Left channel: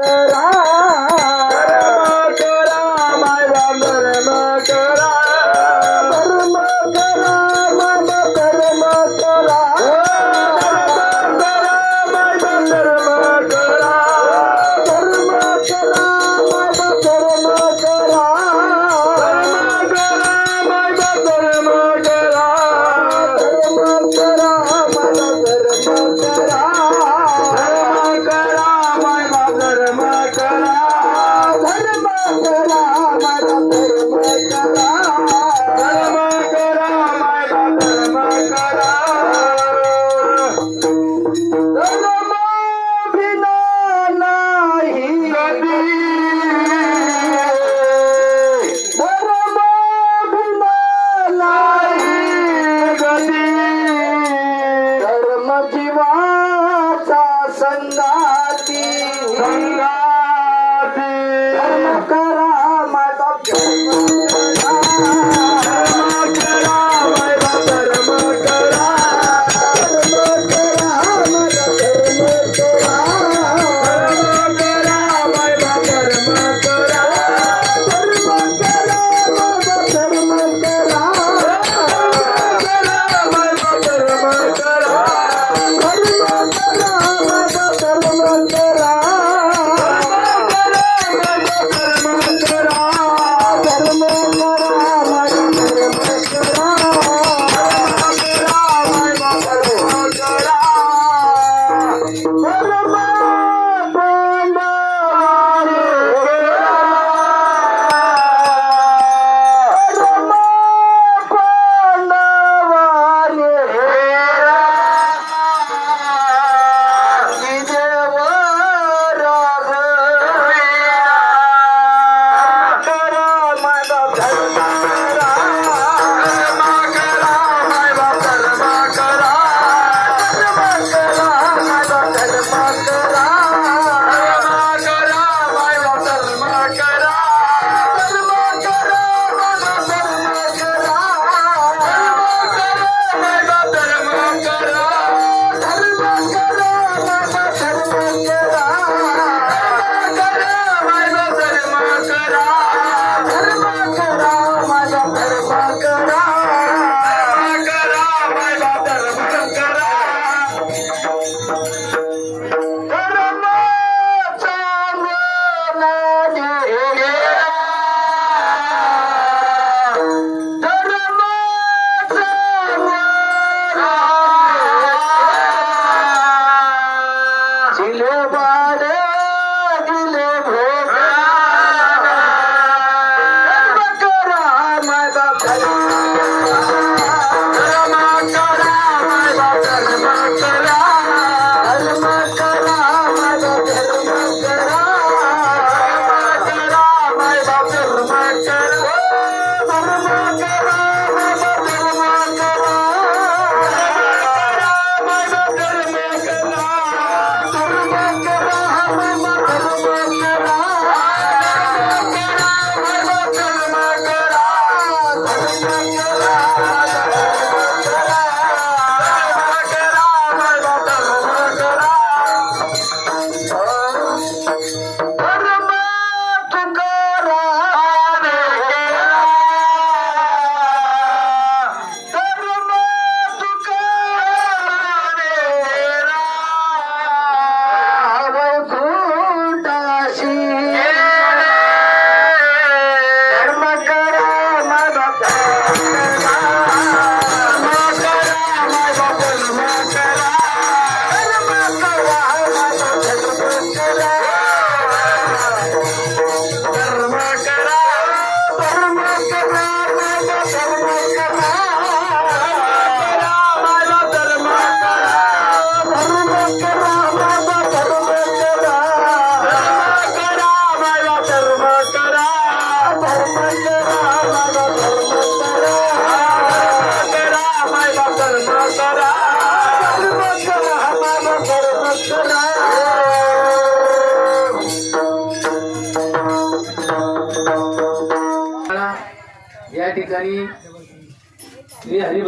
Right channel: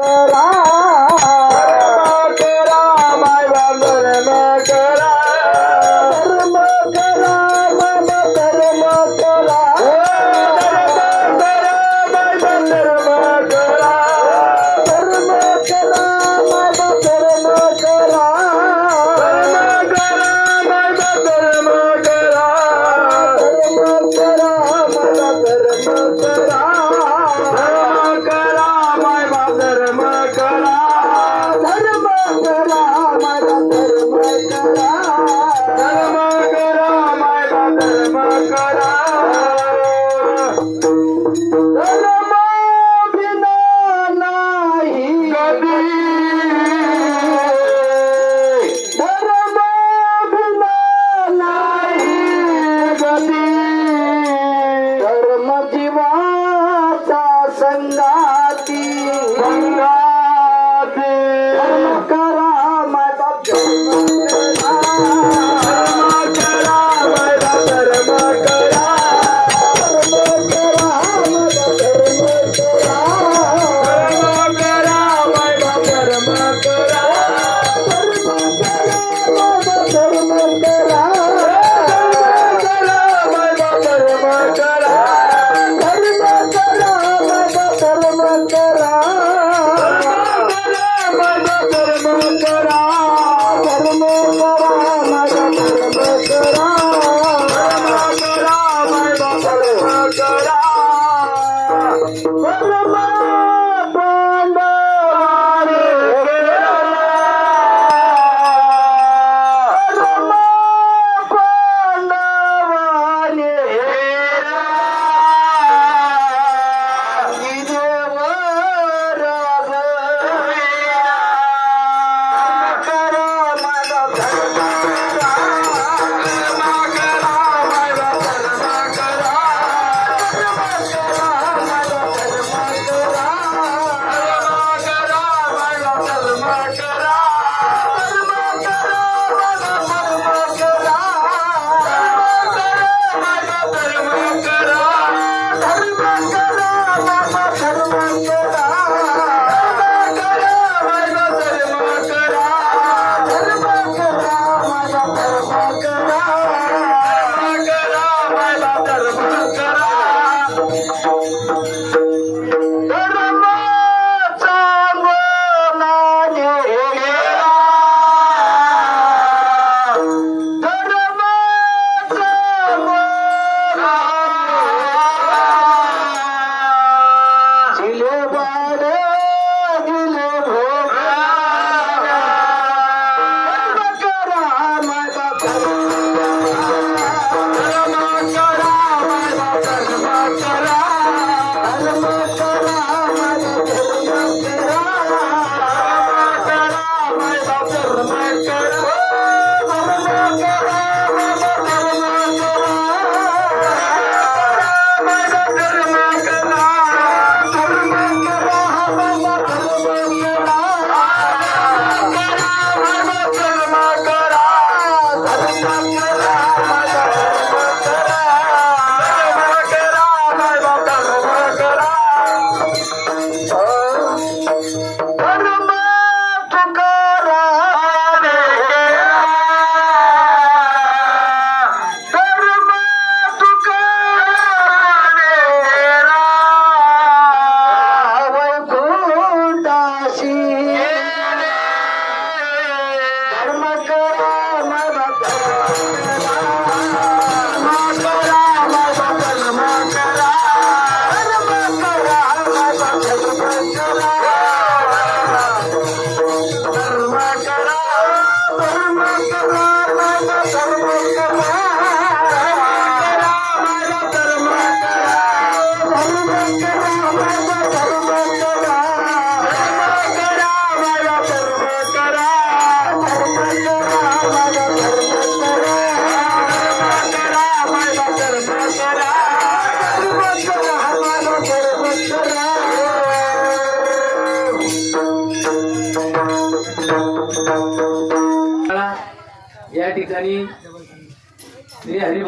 Good. Sara. Parma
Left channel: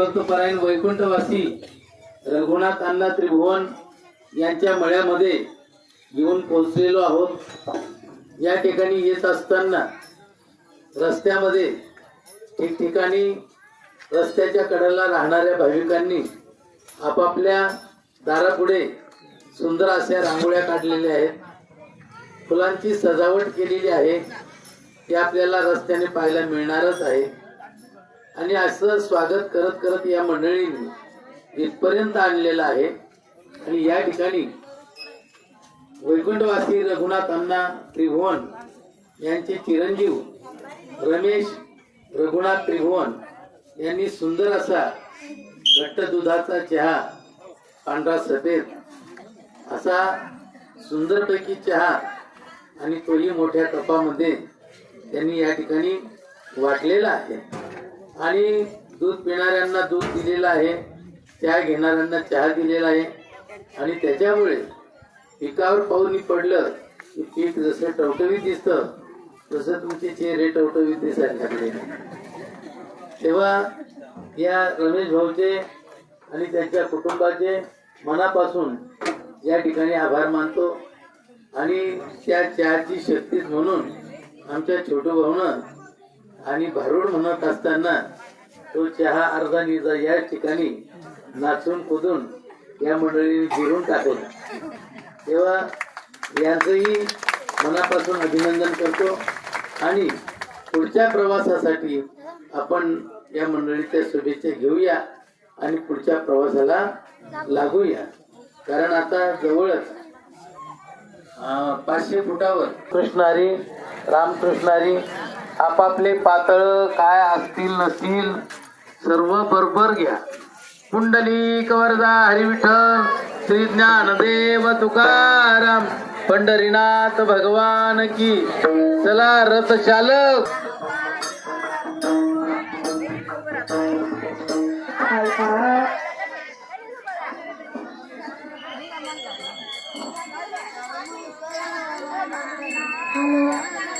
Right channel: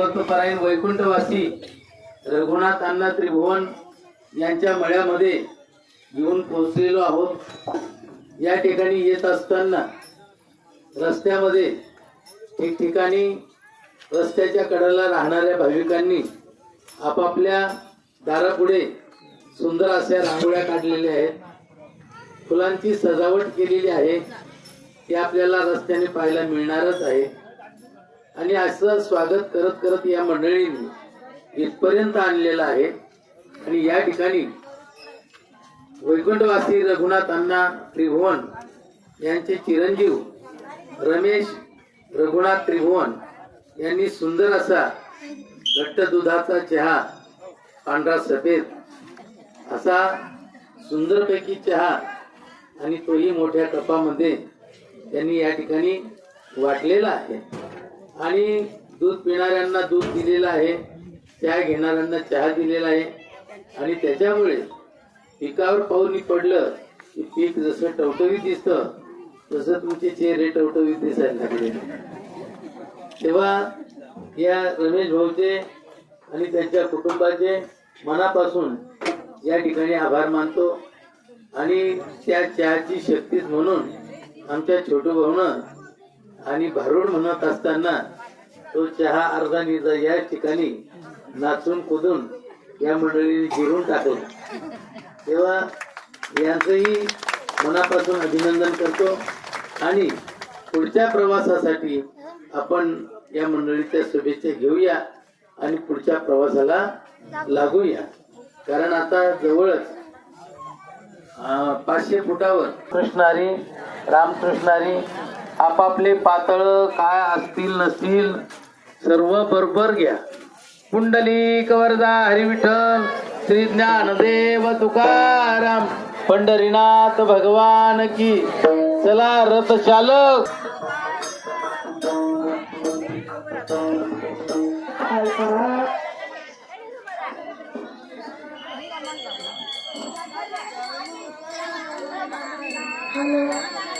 भक्तपरायण वैकुंठवासी Raghunath अण्णा त्रिभुवन यांच्या मळ्यामध्ये घेऊन पोहोचलेलो आहोत. या ठिकाणी येत असताना रस्त्यामध्ये ठिकठिकाणी रस्त्याच्या कडेला राहणाऱ्या भाविकांनी आपापल्या दारापुढे सुंदर अशा रांगोळ्या काढलेल्या आहेत. फुलांची सजावट केलेली आहे. ते आपल्याला रस्त्याने पाहायला मिळणारच आहे. आणि असं स्वागत करत करत या मंडळींनी इथपर्यंत आणलेलं आहे. आणि या ठिकाणी वैकुंठवासी रघुनाथ अण्णा त्रिभुवन यांचे चिरंजीव रमेश रघुनाथ त्रिभुवन यांनी सुंदर असा घट्ट दुधाचा चहा पांढरा सफेद असा सुंदरपैकी चहा आणि तोही मोठ्या कपामध्ये त्यांनी या ठिकाणी वाटलेला आहे. आणि दूध पिणाऱ्यांना दूध दिलेलं आहे चहा घेणाऱ्यांना चहा दिलेला आहे. आणि त्याच्यामुळे पिकावर पाऊल पडलं की पीक जसं टवटवीत दिसतं तसं तुमचे चेहरे टवटवीत दिसायला लागले. तेव्हा या रमेश भाऊचे आणि त्यांच्या कुटुंबाचे मनापासून या ठिकाणी आभार मानतो. आणि त्या चहाची शक्तीच म्हणून आमच्या छोटू भाऊनं आणि भारूड म्हणत असताना तो चहा अर्धा निजा या ठिकाणी नाचून कुदून या मंडळीने जिरून टाकला. तेव्हा यांचंही मनापासून अभिनंदन करतो आणि पुढच्या प्रवासासाठी आपण या मंडळीच्या शुभेच्छा घेऊया आणि पुढच्या प्रवासाला लागूया. कारण आता जवळच पाचशे फुटावर कृष्णारी रामकृष्णारी आपापले पातळ काय असतील नसतील सर्व बरोबर घ्या. कुंडली वरदा हरिविठ्ठल श्री ज्ञानदेव तुकाराम पंढरीनाथ भगवान की. चला रथ चालक छत्तीस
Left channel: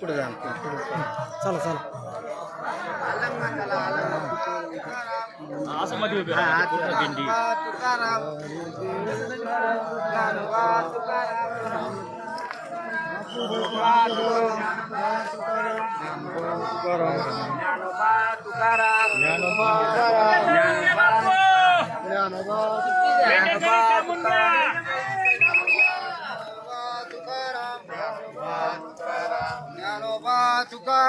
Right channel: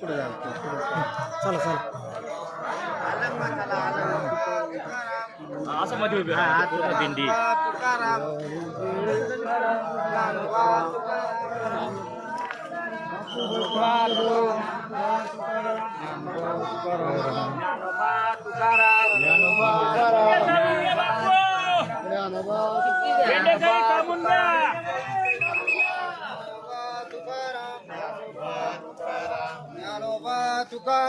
पुढे जा चला चला. असं मध्ये भेंडी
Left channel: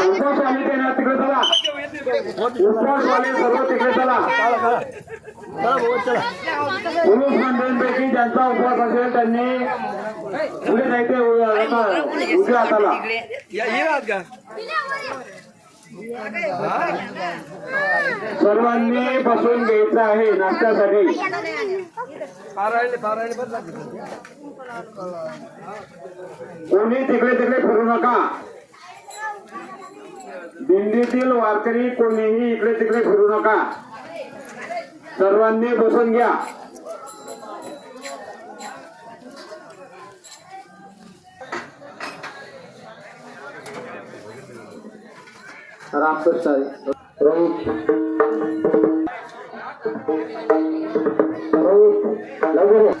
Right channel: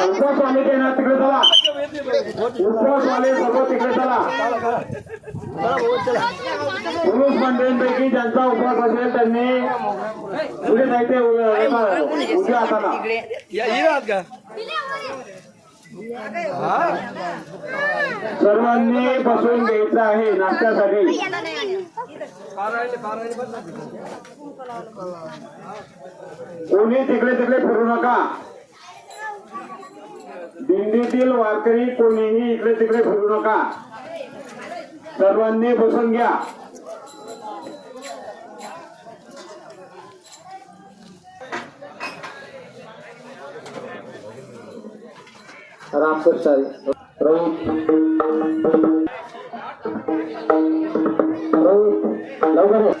उपस्वामी तिकडे चला उपस्वामी सर्व तिकडे चला पुरुष मंडळींपैकी ज्यांचा उपवास असेल त्यांनी पुढे जायचे उद्या हाताला सर्वांनी बसून घ्यायचं आहे नाश्त्यासाठी कोणी तिकडे तिकडे फिरू नका. दिंडीतील वारकरी कोणीही इकडे तिकडे फिरू नका. सर्वांनी बसून घ्या. transfer, sorry. Rout. Rout.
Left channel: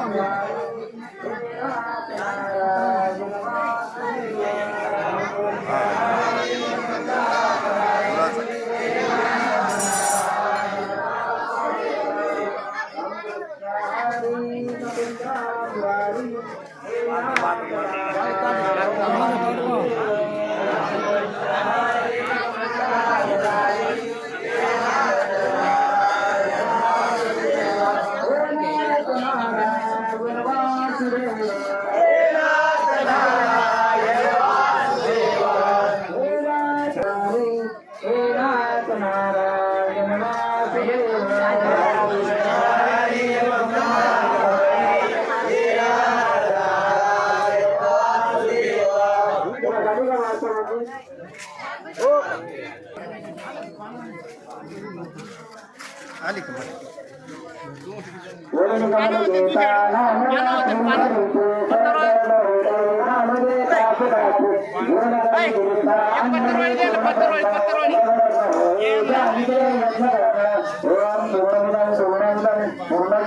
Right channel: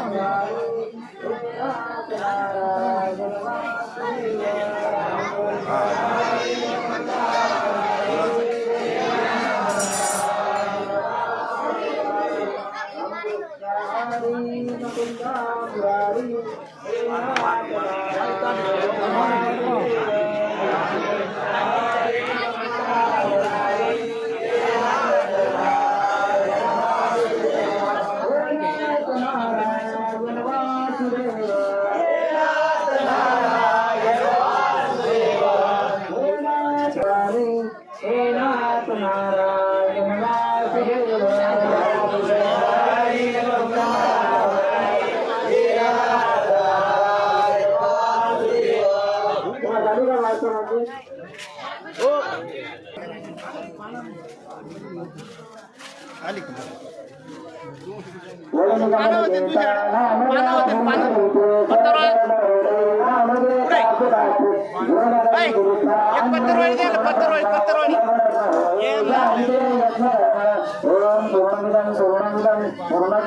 Thank you.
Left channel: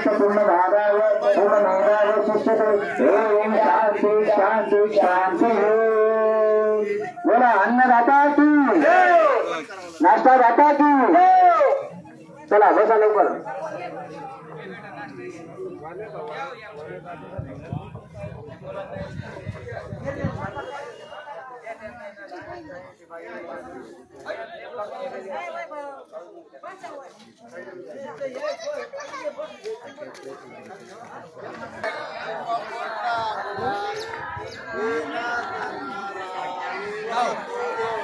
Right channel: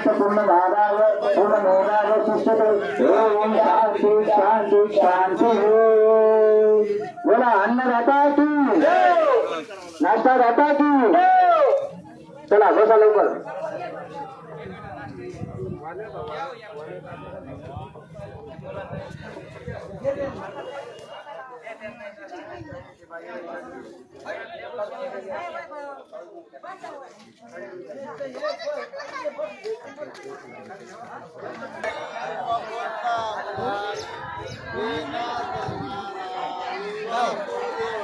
पूर्णमादाय पूर्णमेवाय शिष्यते ओम शांति शांति शांति नाश्ता दादा की चला बसा लवकर Now.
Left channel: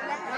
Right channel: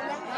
¿Qué?